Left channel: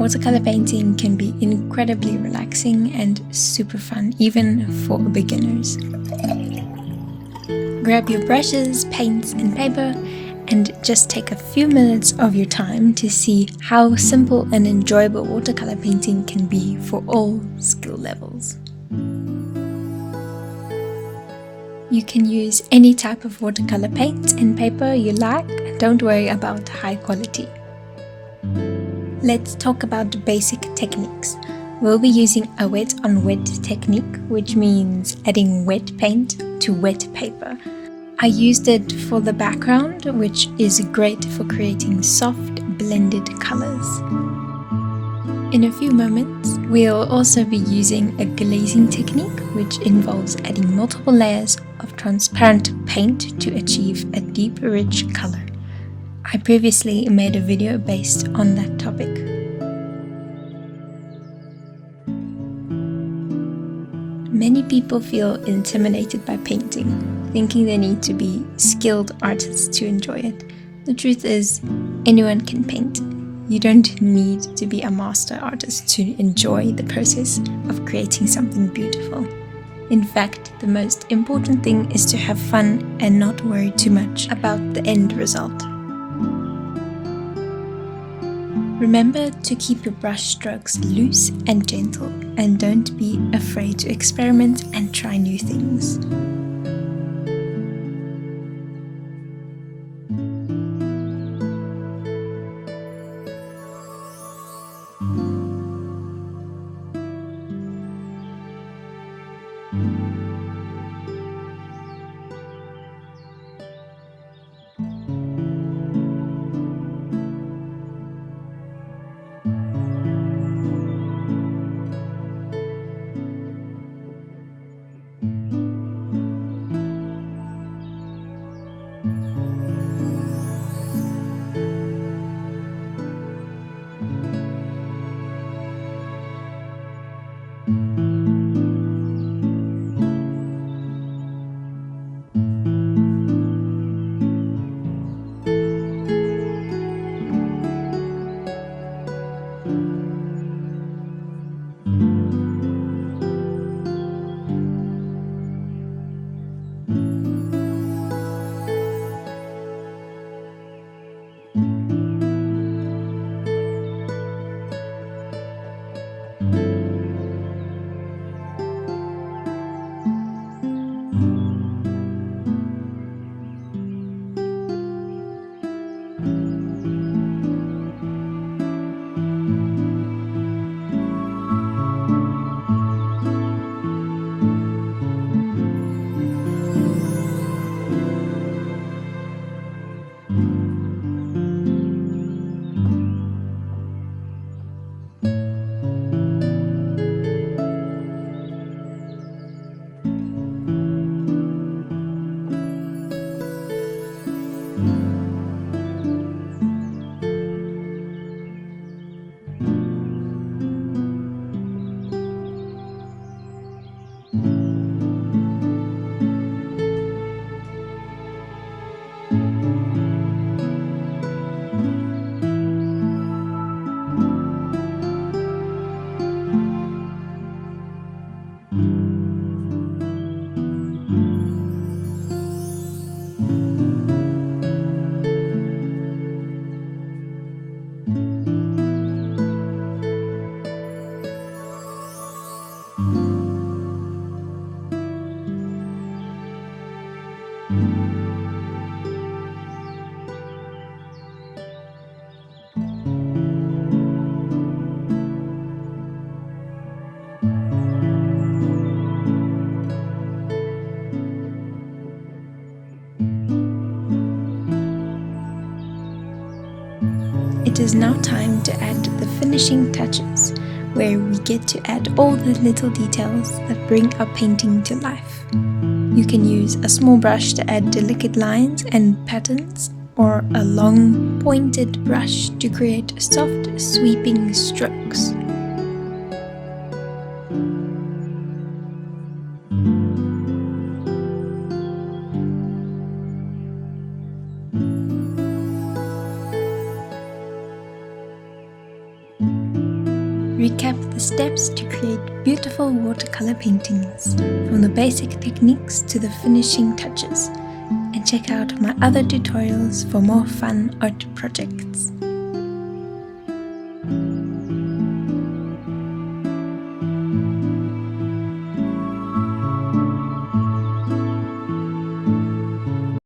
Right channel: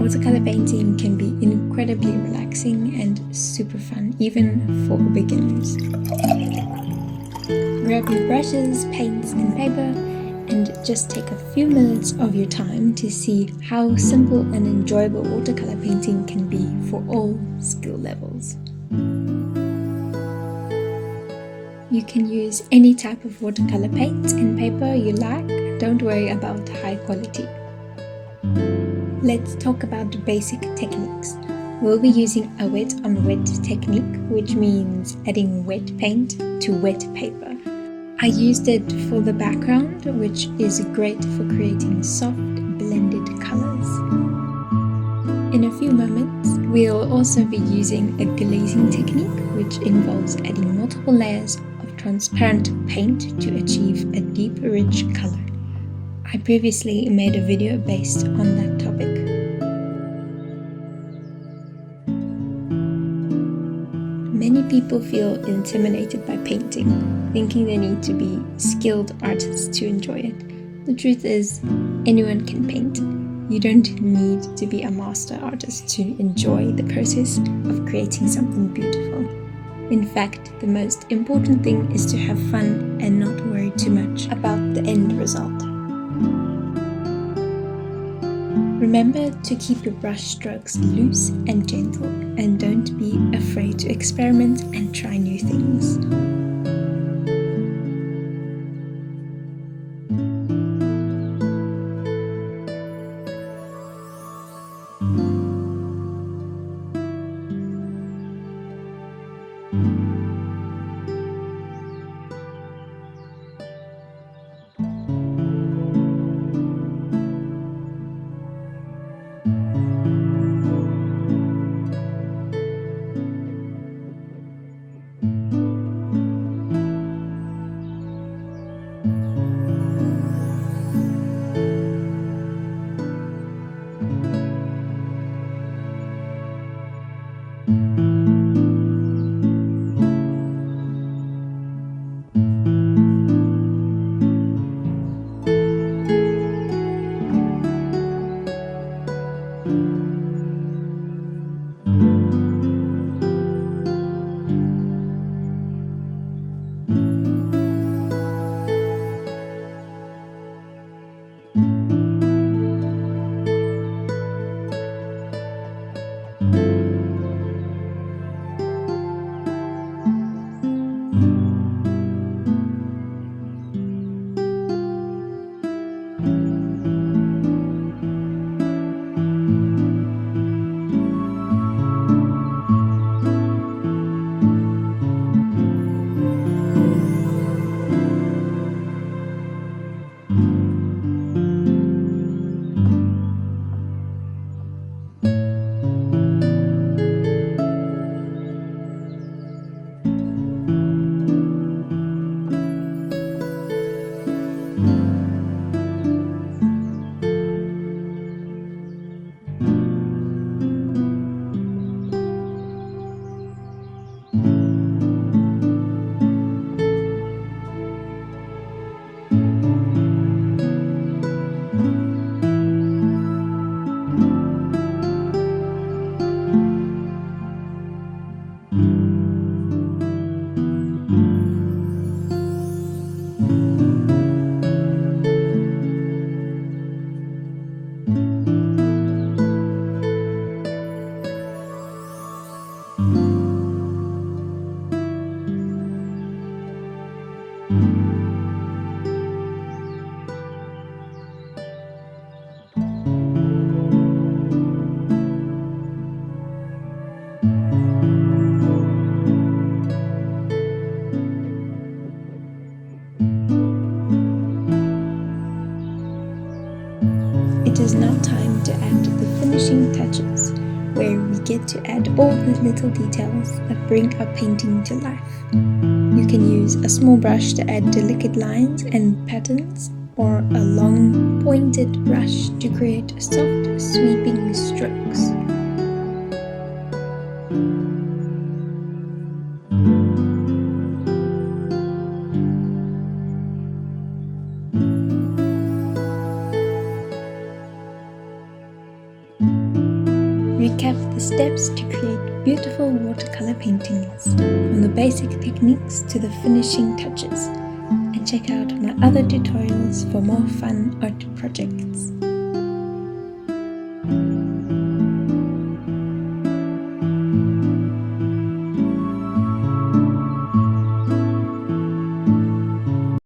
Watercolor painting can be incredibly relaxing and super fun, even for beginners. Grab your brushes, paints, and paper, and just take a few minutes of your time to see how simple and enjoyable watercolor painting can be for all skill levels. You can use any type of watercolor paint and paper you like, and don't worry about high quality. Let's talk about basic techniques. We'll be using a wet on wet technique, which means adding wet paint to wet paper. I used it for the background, which is great for creating soft blended colors. In a few moments, we'll also be using a glazing technique, which involves adding multiple layers of transparent paint to achieve a deep, rich color. I previously made a video based on that topic. Many people feel intimidated by painting, thinking they need to be skilled artists to enjoy it. The truth is, anyone can paint. You don't need to be a master artist to enjoy the process of creating something beautiful. In fact, the most important thing is to have fun and not worry too much about the end result. Remember to keep your brush strokes loose and gentle, and don't be afraid to experiment and try new things. It is now time to add the finishing touches, where we get to add all the little details that bring our painting to life. You can use a small brush to add delicate lines and patterns, or a long, pointed brush to create soft, sweeping strokes. Recap the steps to create beautiful watercolor paintings, from the basic techniques to the finishing touches, and check out my other tutorials for more fun art projects.